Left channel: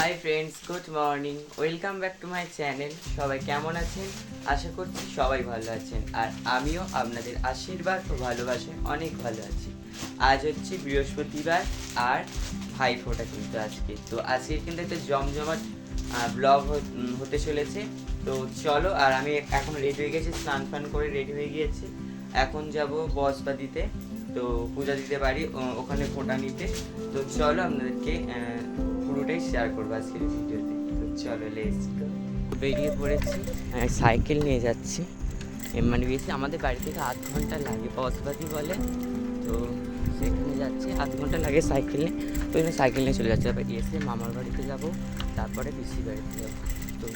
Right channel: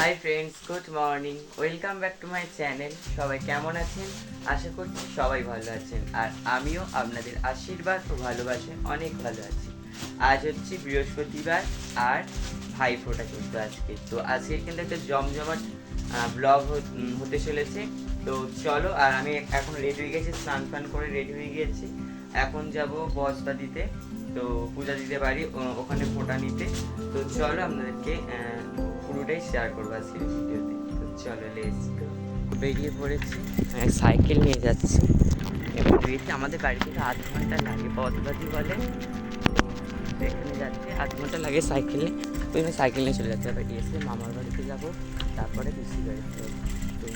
Hi friends, good morning, welcome back to my channel. সবাই কেমন আছেন? আশা করছি সবাই ভালো আছেন, আর আমিও আপনাদের আশীর্বাদ ও ভালোবাসায় অনেক ভালো আছি। আজ হচ্ছে বৃহস্পতিবার আর ভাইফোঁটা কিন্তু আজকে কিন্তু একটা জমজমাট ব্লগ হতে চলেছে। তো চলো, আর আমি এখন রেডি হয়ে গেছি, স্নান ফান করে রেডি হয়ে গিয়েছি। এখন যাব বসবা দিতে, তো পূজা দিতে পারি ওখানে ফোঁটা নিতে। তো চলো, আপনাদেরকে পুরোটাই শেয়ার করবো আজকের ভিডিওতে। তো চলো, লেটস গো। বেরিয়ে পড়েছি, সাইকেল নিয়ে যাচ্ছি। মানে বেশি আমাদের বাড়ি থেকে 8 ঘন্টা লাগে, বসবাদি বলে। তো সেখানে যাচ্ছে, 8 ঘন্টা লাগে সাইকেল নিয়ে। ওই জন্য সাইকেল নিয়ে চলে যাচ্ছে। এবার এসে মামার বাড়িতে যাবো, তারপরে পিসির বাড়িতে যাবো। তো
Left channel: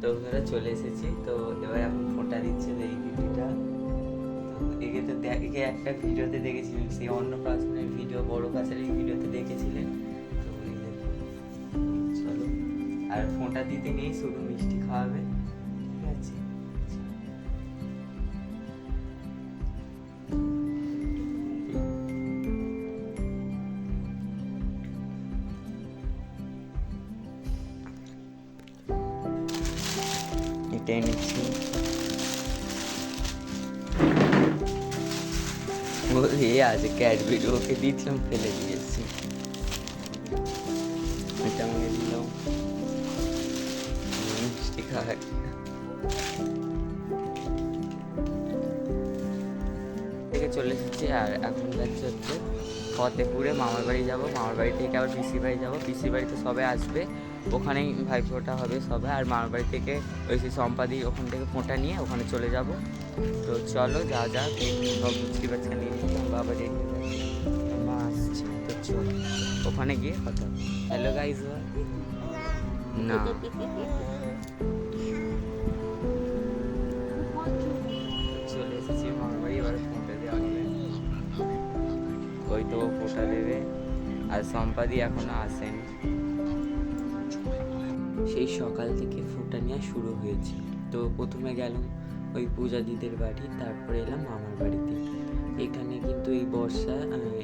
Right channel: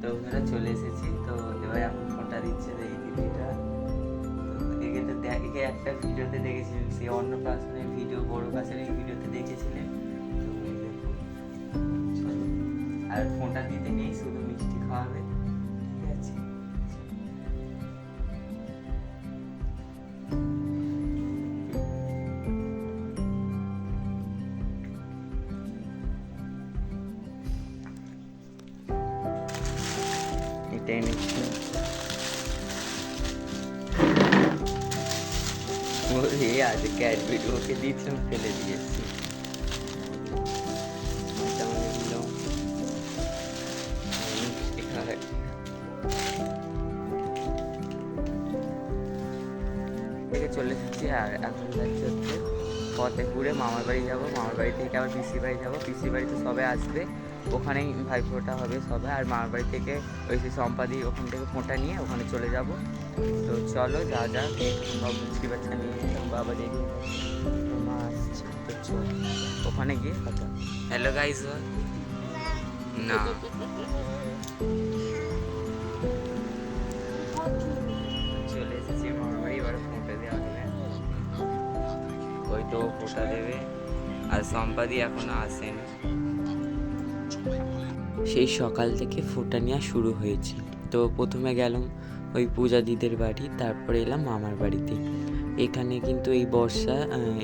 তো ওনারা চলে এসেছি। তো এবার এখন ফোনটা দিচ্ছে এই দিদিটা। তো একে একটা ভিডিওতে দেখেছিলেন, সেই অন্নপ্রাশনের ভিডিও, বড় কাছের এই ভিডিওতে দেখেছিলেন। তো এই দেখুন, চলো। আর ফোনটা দিতে নেই, শুধু মিষ্টি খাওয়াবে, ঠিক আছে? এটাই নিচ্ছি। ওরে আজ ক্যাডবেরি ওকে দিচ্ছিলাম, ফেলে দিয়েছি। এটা আমি দিলাম মিষ্টি খাওয়া। থেকে চলে এসেছি, আর এখন যাচ্ছে হচ্ছে ফতেপুরে মামার বাড়ি যাব। মামার বাড়ি থেকে আবার পিসির বাড়ি যাব। পিসির বাড়িতে সবাই আসবে, ওখানেই ভাইফোঁটা হবে সবাই। আর মামার বাড়ি থেকে ওই যে সম্পাদি, ওখান থেকে ফোঁটা নিয়ে ওখানে চলে যাব। তো চলো, যা এখানে সব মিষ্টি বাচ্চা নিয়ে নিতাম, বাবা রেডি হয়ে গেছে, মা আসছে। তো চল, ওখানে গিয়ে কথা। Hello guys. না, চলে এসেছি মামার বাড়ি, এবার ফোঁটা দেওয়া হবে। ওই তো ফোঁটা দেবে, আর সম্পাদি এখনো আসেনি। সেই সকাল থেকে ফোঁটা নেওয়া শুরু হয়েছে। তো প্রথমে গেলাম ওই পূজা দিদের বাড়ি, তারপরে এলাম মামার বাড়িতে। এখানে কিন্তু এই বর্ষা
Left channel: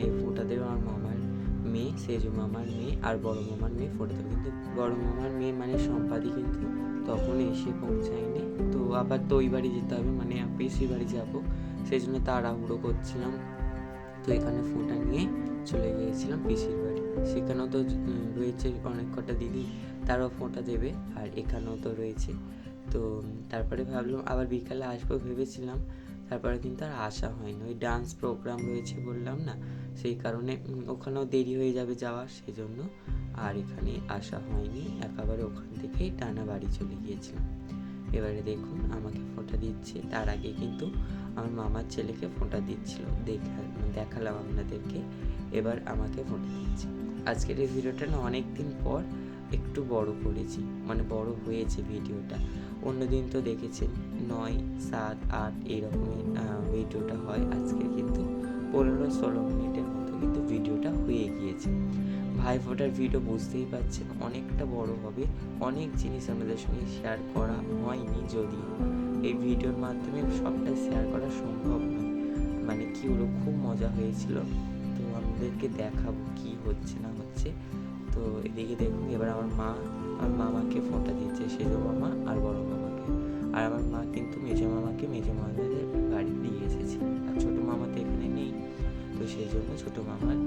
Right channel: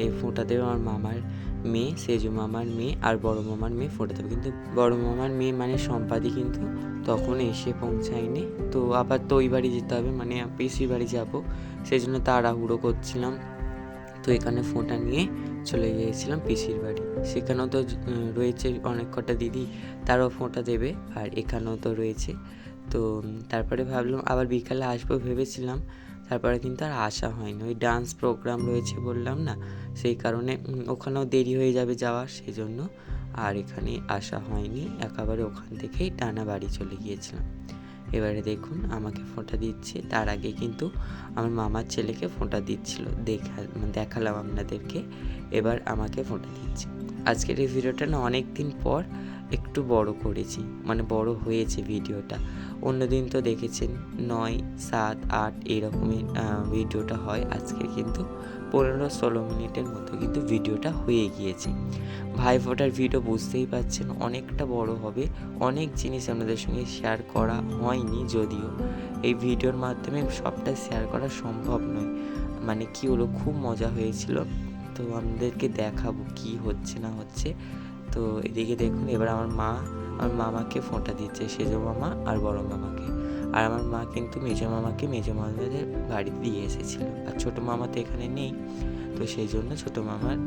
এই ফোঁটা দেবে আমার মামার মেয়ে, সেজু মামার মেয়ে আর বড় মামার মেয়ে ফোঁটা দেবে। কিন্তু বড় মামার মেয়ে মানে সম্পাদি কিন্তু তখন এসে পৌঁছায়নি। তো আবার তো ওই বাড়ি যেতে হবে, মানে পিসির বাড়ি যাব, সেই জন্য তাড়াহুড়ো করছিলাম। তো এখানে ফোঁটা নিয়ে চলে গিয়েছিলাম পিসির বাড়ি। সেখানেও তো রয়েছে অনেক কটা দিদি, তারাও ফোঁটা দেবে, আর এখানেও তো রয়েছে। তো তারপরে ভাবলাম আবার বিকালে আসবো ভেবেছিলাম, তারপরে কিন্তু আর আসা হয়নি। ওই ডান্স প্রোগ্রাম রয়েছে বললাম না, সেই কারণে ওখানেও দেরি হয়ে যাবে যাওয়ার, সেজন্য আর এখানে আসা হয়নি। একেবারে ওখান থেকেই টানা বাড়ি চলে গিয়েছিলাম। এবারে দেখুন আমাকে ফোঁটা দিচ্ছে, তার আগে কিন্তু আমার মামার ছেলেকে ফোঁটা দিচ্ছিল, দেখালাম আপনাদেরকে। এবার আমাকে ফোঁটা দিচ্ছে। আজকের এই ভিডিওটা না অনেক দিন পর একটু বড় করেছি, মানে বড় হয়েছে ভিডিওটা। অন্যদিন তো দেখেছেন 9, 7, 8 এইরকমের ভিডিওটা হয়। আজকে কিন্তু 15-16 মিনিটের মতো কিন্তু ভিডিওটা হয়ে গিয়েছে। ভাইফোঁটার ভিডিও বুঝতেই পারছেন অনেকটা বড় হবে, অনেক জিনিস আপনাদের সঙ্গে শেয়ার করা হয়নি, যদিও এই ভিডিওর মাধ্যমে সবটা শেয়ার করা সম্ভব নয়। মানে কি হলো, খুব মজা হয়েছিল। তো আপনাদেরকে দেখাবো কি হচ্ছে না হচ্ছে। তো এদিকে দেখুন, এবার আমার মামাকে ফোঁটা দিচ্ছে, সেজো মামা আর বড় মামাকে। আর আমার মা কিন্তু মেজো মামাকে মেজো মামাদের বাড়ি দিয়ে এসেছিল, আর ছোটো মামা তো এখানে নেই। তো সেই জন্য ছোটো মামার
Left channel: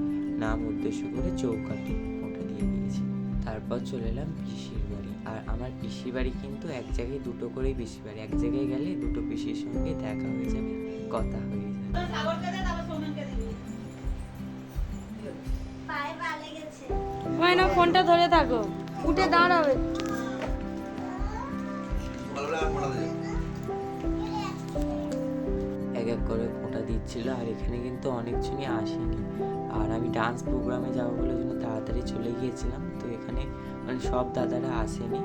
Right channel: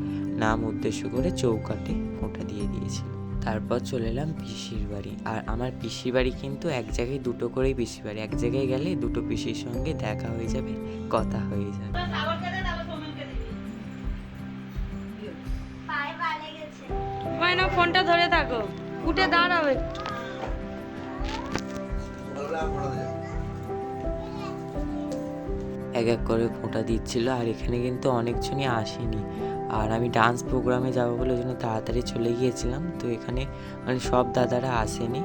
নাম উদ্দেশ্য করে চৌকাঠে ফোঁটা দিয়ে দিয়েছিল। তারপর চলে এলাম পিসির বাড়ি। আর আমার পিসির বাড়ি কিন্তু এক জায়গায় দুটো করেই পিসির বাড়ি, এক জায়গায় গেলে দুটো পিসির সঙ্গে দেখা হয়ে যাবে, কথা হয়ে যাবে। ফোনটা ধরে থাকো, উঠে দাঁড়াও একটু। এক এক করে ফোঁটা দিচ্ছিল, আর এখানে কিন্তু অনেকজনই আসেনি। আর আমি ডান্স প্রোগ্রামে যাবো বলে জন্য তাড়াতাড়ি চলে গিয়েছিলাম। তো এখানে মানে সব দাদারা আসেনি।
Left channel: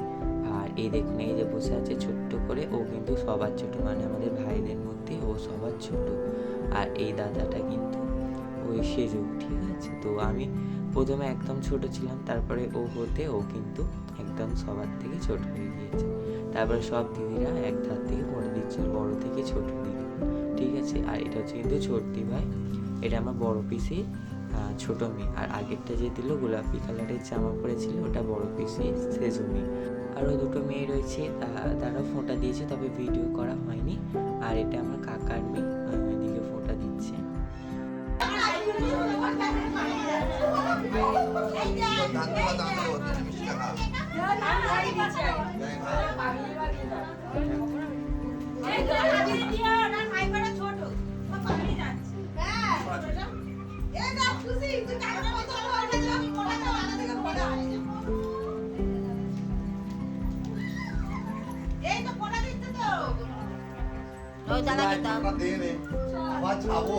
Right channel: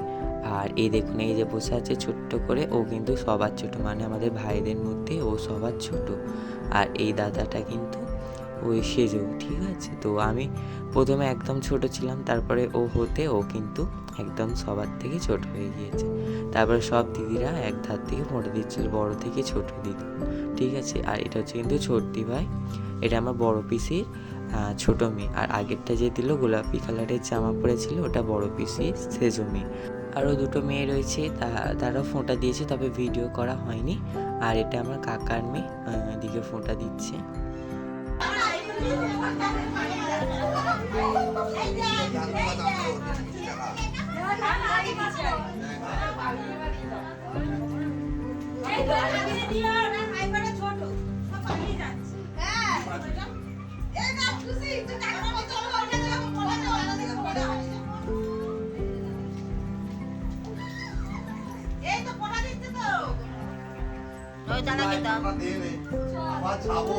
আর এই দেখুন, এই যে বসে আছে ছোট্ট করে, ও কিন্তু সবার ছোট, মানে আমাদের ভাইদের মধ্যে ও সবার ছোট। আর এই দাদাটা কিন্তু ওই সেজো, ঠিক আছে? তো আমি প্রথমে একদম ছোট ছিলাম, তারপরে ও কিন্তু একদম সবার থেকে ছোট হয়ে গিয়েছে। তারপরে সব দিদিরা এক ধার থেকে ফোঁটা দিচ্ছিল, বড় থেকে ছোট দিদি, ঠিক আছে? আর এটা হচ্ছে কিন্তু ছোট্টি ভাই, এটা আমার বড় পিসির ছোট মেয়ে, আর আগেরটা যে দিল গোলাপি কালারের জামা পরেছিল ওটা বড় পিসি সেজো মেয়ে। আরও দুটো মেয়ে রয়েছে, তারাও ফোঁটা দিয়েছে, তবে ভিডিও করা হয়নি। আর এটা আমার কাকার মেয়ে, এদিকে ফোঁটা দিচ্ছে। আমার যাবো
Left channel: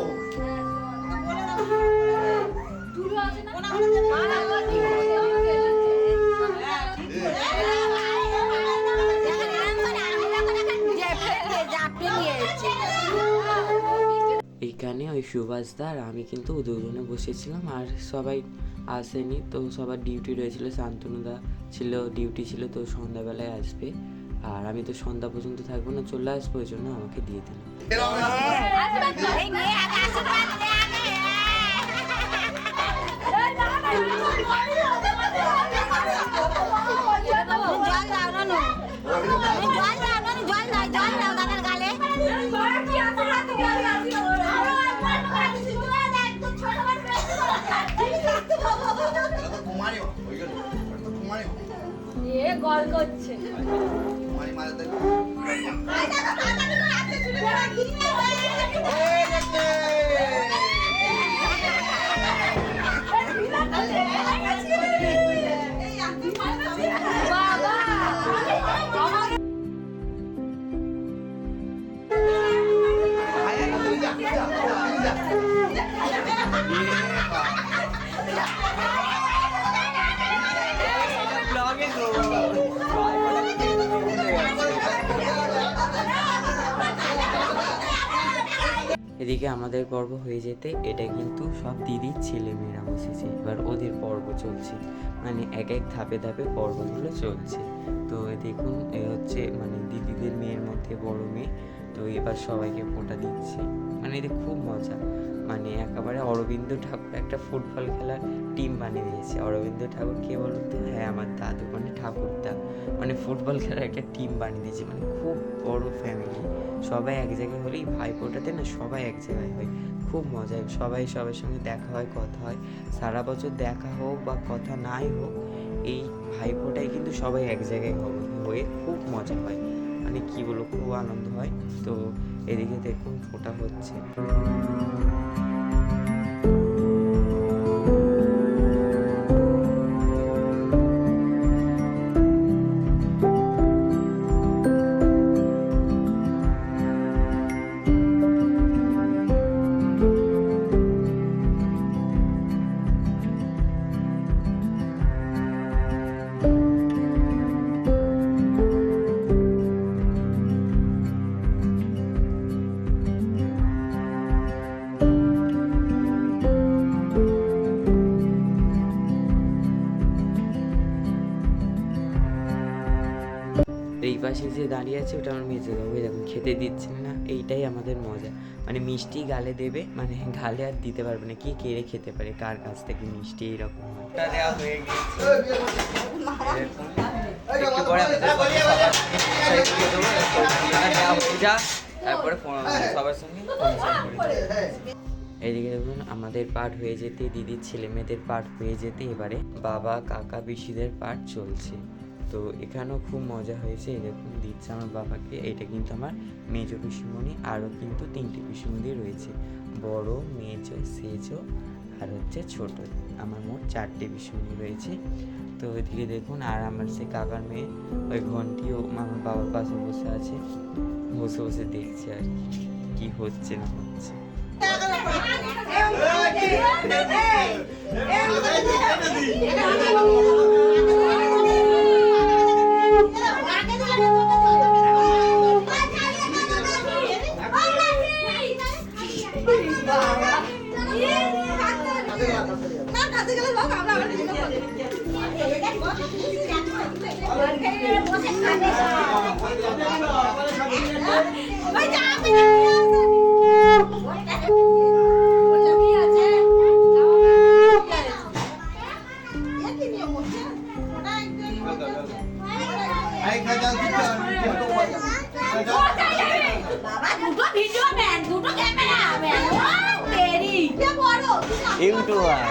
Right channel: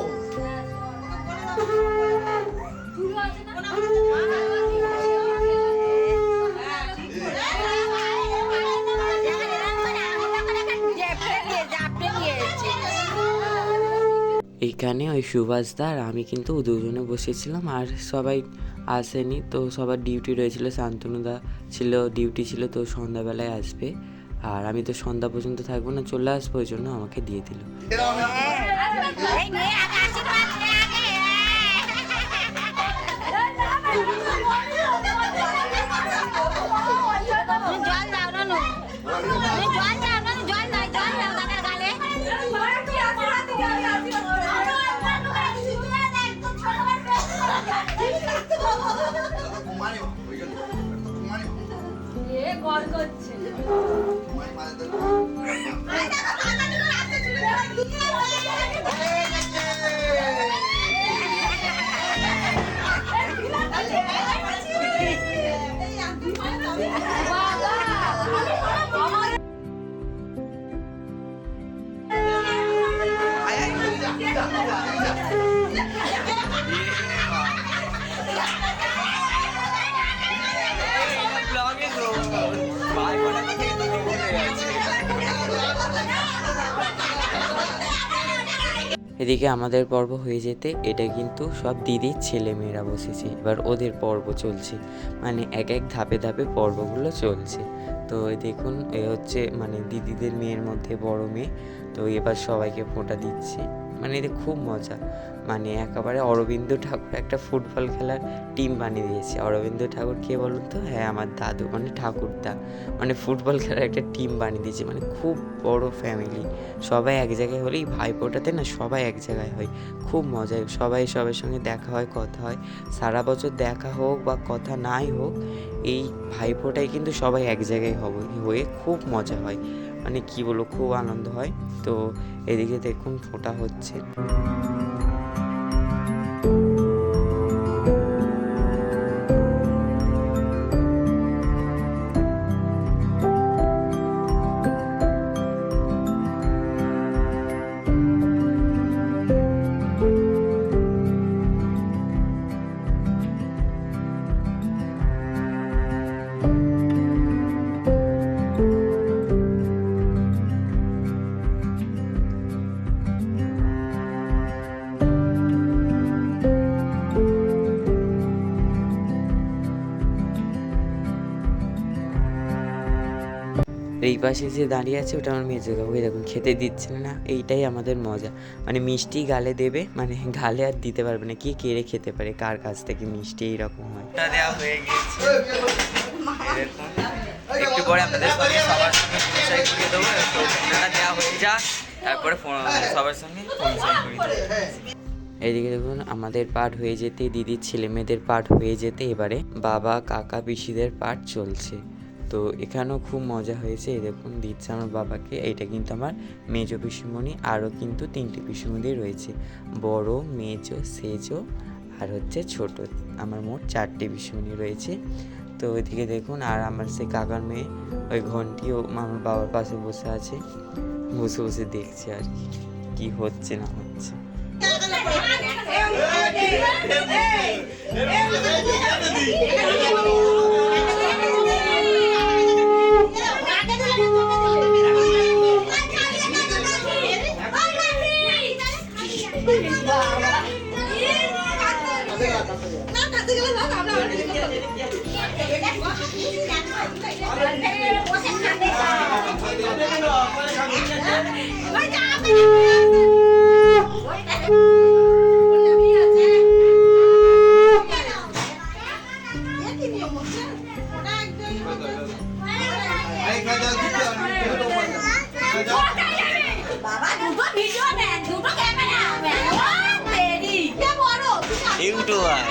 এইখানে ওই সুভাষদা আর আমি কিন্তু দুজনে বসেছিলাম, আর সবাই আসেনি, তো সবার ডিউটি রয়েছিল। শান্তনুদা ছিল, ডিউটি ছিল, তো সন্ধ্যাবেলায় আসবে। আর আমি তো সন্ধ্যা পর্যন্ত থাকবো না, চলে আসবো, ওই জন্য আমাকে দিয়ে দিল। এদিকে আমাদের পর্ব হয়ে যেতে এটা কিন্তু সব দিদির ছেলে মেয়েরা বসেছে, এবার ওদের পর্ব চলছে, মানে এক এক ধাপে ধাপে পর্বগুলো চলছে। তো দেখুন এ হচ্ছে মানে দিদিদের মেয়ের মধ্যে বড় মেয়ে, তো এবার সবাইকে ফোঁটা দিচ্ছে, মানে এদের খুব মজা। মানে একেবারে অরবিন্দ ঠাকুর একটা ফুটবল খেলার টিম বানিয়ে দিয়েছে। অরবিন্দ ঠাকুর কে বলুন তো? হ্যাঁ, আমার দাদু, মানে ঠাকুরদা, মানে ফুটবল খেলার একটা টিম বানিয়ে দিয়েছে, মানে খুব বড় ফ্যামিলি। সবাই এক জায়গায় হলেই ভাইফোঁটাতে না সবাই এক জায়গায় হয়, খুব মজা। সবাই সবার সঙ্গে দেখা হয়, কথা হয়। সারা বছর দেখা হোক বা কথা নাই হোক, এই ভাইফোঁটায় কিন্তু সবাই এক জায়গায় হয়ে খুব মজা হয়, মানে কি বলবো, খুব আনন্দ হয়। তো এদিকে দেখুন ফোঁটা হচ্ছে। এই পাশে যে দাঁড়িয়ে আছে ওটা আমার মেজো কাকু, দেখুন খেতে দিচ্ছেন না, এইটাই আমাদের মজা। মানে মিষ্টি গালে দেবে, মানে গালে আর দিতে পারবে না, কি কেড়ে খেতে পারে কার কাছ থেকে মিষ্টি, এইরকম হয়। দেওয়া হয়ে গিয়েছে, একটু পরে আপনাদের সঙ্গে সবার সঙ্গে পরিচয় করিয়ে দেবো। তো ফোনটা দেওয়া হয়ে যা, তারপরে সবার সঙ্গে পরিচয় করিয়ে দেবো। এইদিকে দেখুন আমাদের পাঠ হয়ে যেতে, দিদির ছেলে মেয়েদের পাঠ হয়ে যেতে এবারে বাবা কাকা পিসিদের পাঠ চলছে। তো এখানেও খুব মজা হয়েছে। এই দেখুন দিচ্ছে আমার বাবাকে, এইটা কিন্তু আমার মেজো পিসিমণি, আরও কিন্তু 3টে পিসিমণি রয়েছে, বড়, মেজো, সেজো আর হচ্ছে ছোট। আমার মোট 4টে পিসিমণি রয়েছে। তো ওইদিকে দেখুন, আর আমার সে কাকার মেয়ে ওই ঘন্টিও আমার বাবার পাশে বসে আছে, বসে বসে দেখছে আর কি হচ্ছে না হচ্ছে। এই খাজাও দিতে বাবা দুটো ভিডিও ম্যান দুটো ক্যামেরা ম্যান রেডি কে বড় ইউটিউবার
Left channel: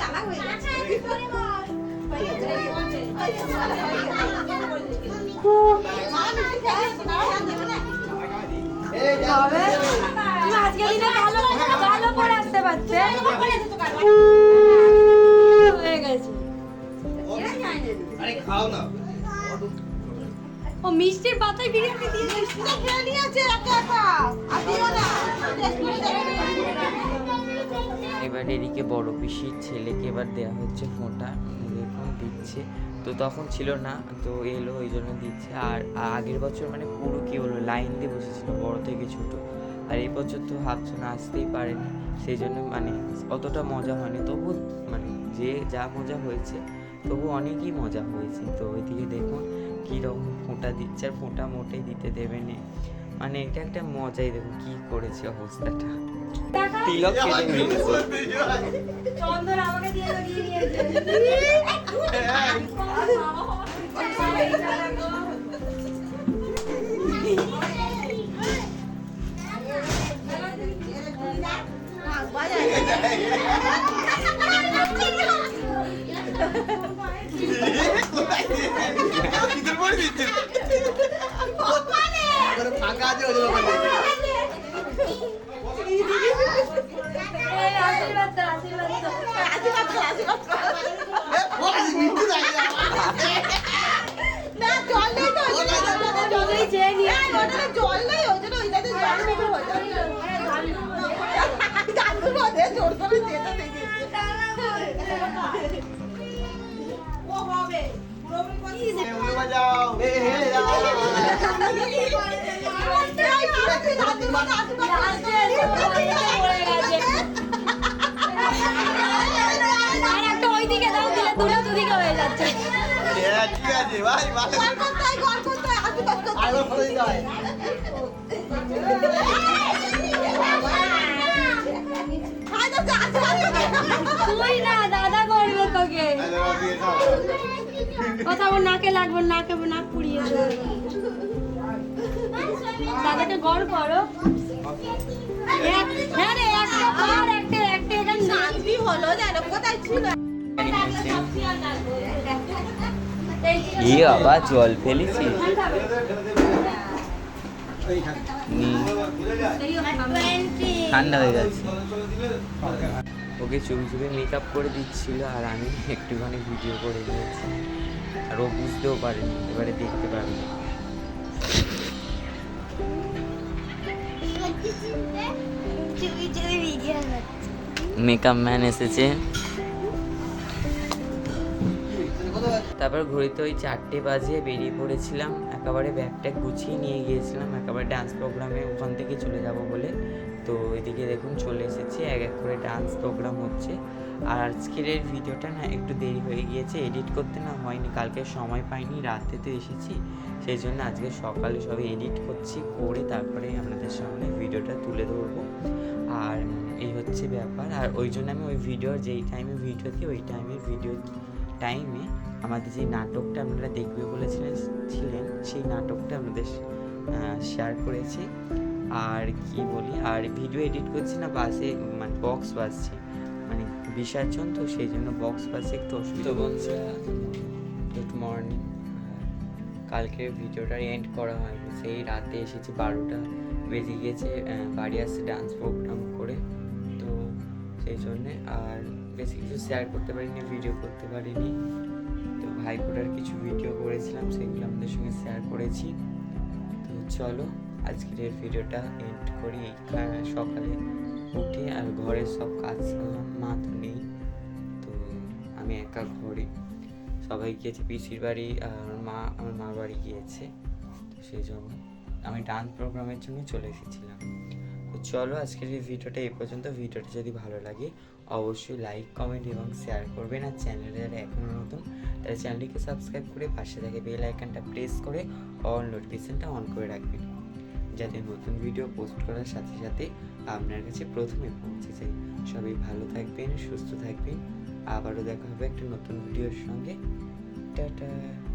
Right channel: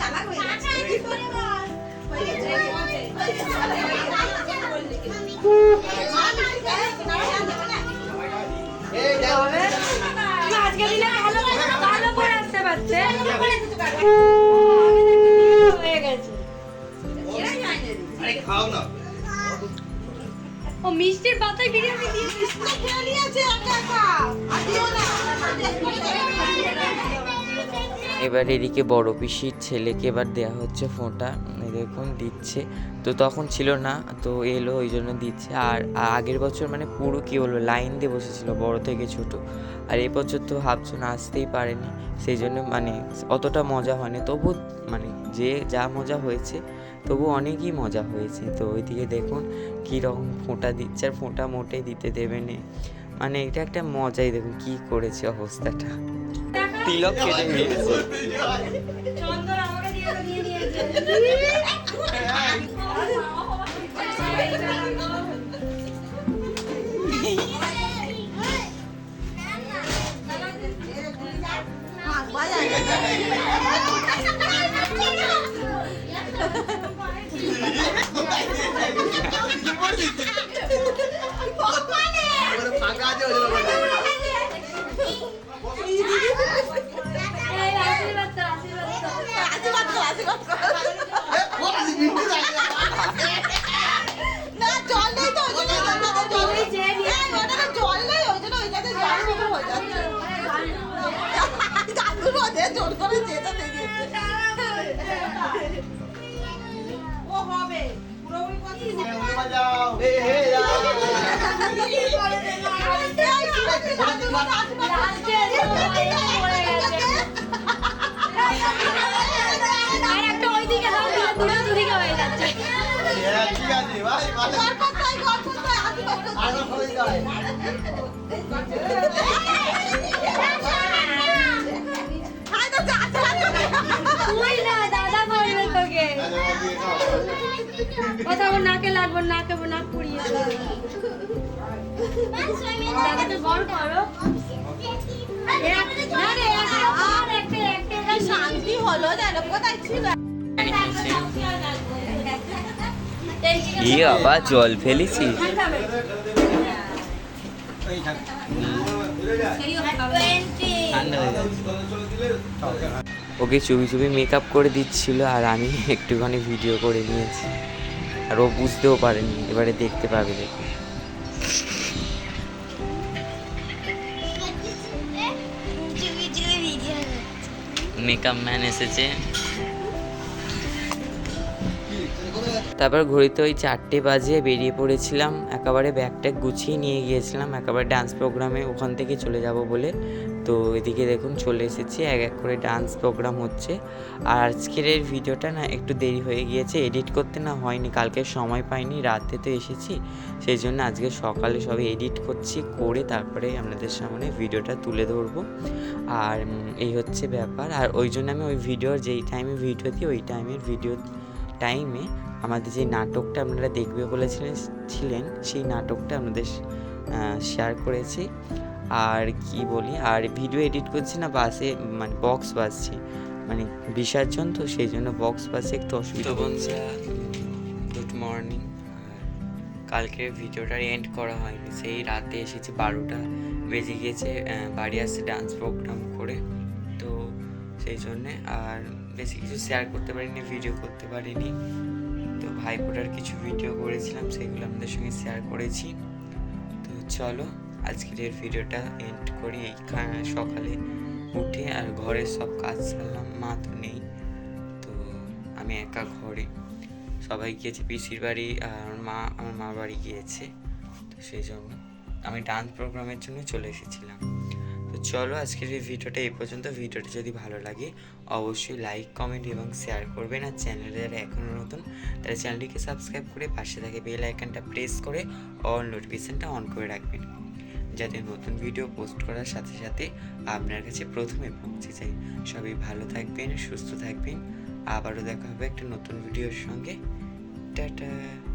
চালাক হয়ে যাচ্ছে এই যাও আজকে দিনে ভালো করে আসতে পারছে হয়ে গেছে আরে খাও না ও মিষ্টির পাতায় বিরিয়ানি দিয়ে পুরো খেয়ে নিয়েছে একা একা আর দিও না এবার এদিকে বড় পিসির ছেলেকে এবার দেওয়া হচ্ছে ফোঁটা, দেখুন দিচ্ছে। তো তখন ছিল না, তো এলো ওই জন্য দিচ্ছে। আর আগের বছর মানে পুরো কী বলবো লাইন দিয়ে বসেছিল বড় থেকে ছোট, আর এই বছর তো ভাবছো না আসতেই পারেনি, সেই জন্য মানে অতটা মজা হয়নি। তবু মানে যে যা মজা হয়েছে তবু অনেকই মজা হয়েছে। তো ওইদিকে দেখুন কীরকম ফোঁটা দিচ্ছে, আর ফোঁটা মোটেই দিতে দেবে না, মানে এটা একটা মজাই। দেখুন কী করেছে অবস্থাটা, তিলক কেটে নিয়েছে। চন্দন আমাকে দিয়ে দিয়েছে ফাঁকা আছে ওই জন্য বাজাও হে হে একটা ওইদিকে দাও দুটো দুদিকে হয়ে যাচ্ছে ঠিক আছে ভাই ভালো ভালো করে যায় তুই না দাদা করবে তোকে কোথাও ওর নাকে লাগবে নাকে নাক পুড়িয়ে দেবে দাদাকে গড় করো না রে একটা কর একটা শান্তি হলো জানো কোথায় ছিল ই বাবা জল ফেলেছি। ঠান্ডা হয়ে গেছে। ওকে চুপি চুপি মেকআপ করে দিচ্ছিল, আর আমি একটুখানি ভিডিও করে নিয়েছি, আর ও বুঝতেও পারেনি। এবারে দেখতে পাবে। দেখুন মেকআপ ম্যান এসেছে। তারপর ঘড়িতে ওই 4টে বাজে বেরিয়ে পড়েছিলাম, একেবারে ব্যাগ ট্যাগ গুছিয়ে নিয়ে গিয়েছিলাম একেবারে ডান্স প্রোগ্রামে, ওখান থেকে চলে যাব বলে। তো এদিকে দেখুন চলে এসেছি, এক এক করে ডান্স প্রোগ্রাম হচ্ছে। আর আজকের এই ভিডিওটা না একটু দেরি হয়ে গিয়েছে, এডিট করতে না হয়নি, কালকে সময় পাইনি, রাতে তো এসেছি, সেই জন্য আজকে সকালে সবে এডিট করছি, করে তারপরে আপনাদের সামনে ভিডিওটা তুলে ধরবো। আর এই হচ্ছে ব্যাপার। আর ওই জন্য আমি ওই ভিডিওর যেই টাইমে ভিডিও দিই ওই টাইমে আমাদের যে নাটকটা আপনারা দেখবে বলেছিলেন সেই নাটকটা আপনাদের শেয়ার করেছি। আর কি বলি, আর ভিডিও এডিট করছি না, বাসে মানে বক্স বাজছে, মানে বিসর্জন তো সেই জন্য বক্স বাজছে একটু অসুবিধা। তো বন্ধুরা গুড মর্নিং। কালকের ভিডিওটা এন্ড করা হয়নি, সেই রাতে এসেছি 12টা বেজে গিয়েছে বাড়ি আসতে ডান্স প্রোগ্রাম করে, তো সেই জন্যে আর বেশি কিছু শেয়ার করতে পারিনি, ভিডিও করতে পারিনি। তো ভাইফোঁটার কিছু ভিডিও করেছিলাম, সেগুলো আপনাদের সঙ্গে শেয়ার করেছি। তো চলো আজকের এই ভিডিওটা এন্ড করি। সকালে উঠে আর ঘরের সব কাজ সারলাম, মা তো নেই, তো আমি একা ঘরে, সবাই গিয়েছে পিসির বাড়ি, আর আমার মা বাড়ি গিয়েছে, তো সেই জন্য আমি ডান্স প্রোগ্রামের জন্য চলে এসেছিলাম। তো চলো আজকের এই ভিডিওটা এই পর্যন্ত। ভিডিওটা যদি ভালো লাগে অবশ্যই লাইক কমেন্ট এবং শেয়ার করবেন, আর চ্যানেলে যারা এখনও নতুন তারা চ্যানেলটিকে সাবস্ক্রাইব করে পাশে থাকে বেল আইকনটা প্রেস করে অল নোটিফিকেশনটা অন করে রাখবেন, যাতে নতুন ভিডিও পোস্ট করার সাথে সাথে আপনার কাছে প্রথমে পৌঁছে যায়। সবাই ভালো থাকবেন, সুস্থ থাকবেন, আবারও দেখা হবে একটা নতুন ভিডিওর সঙ্গে। টাটা।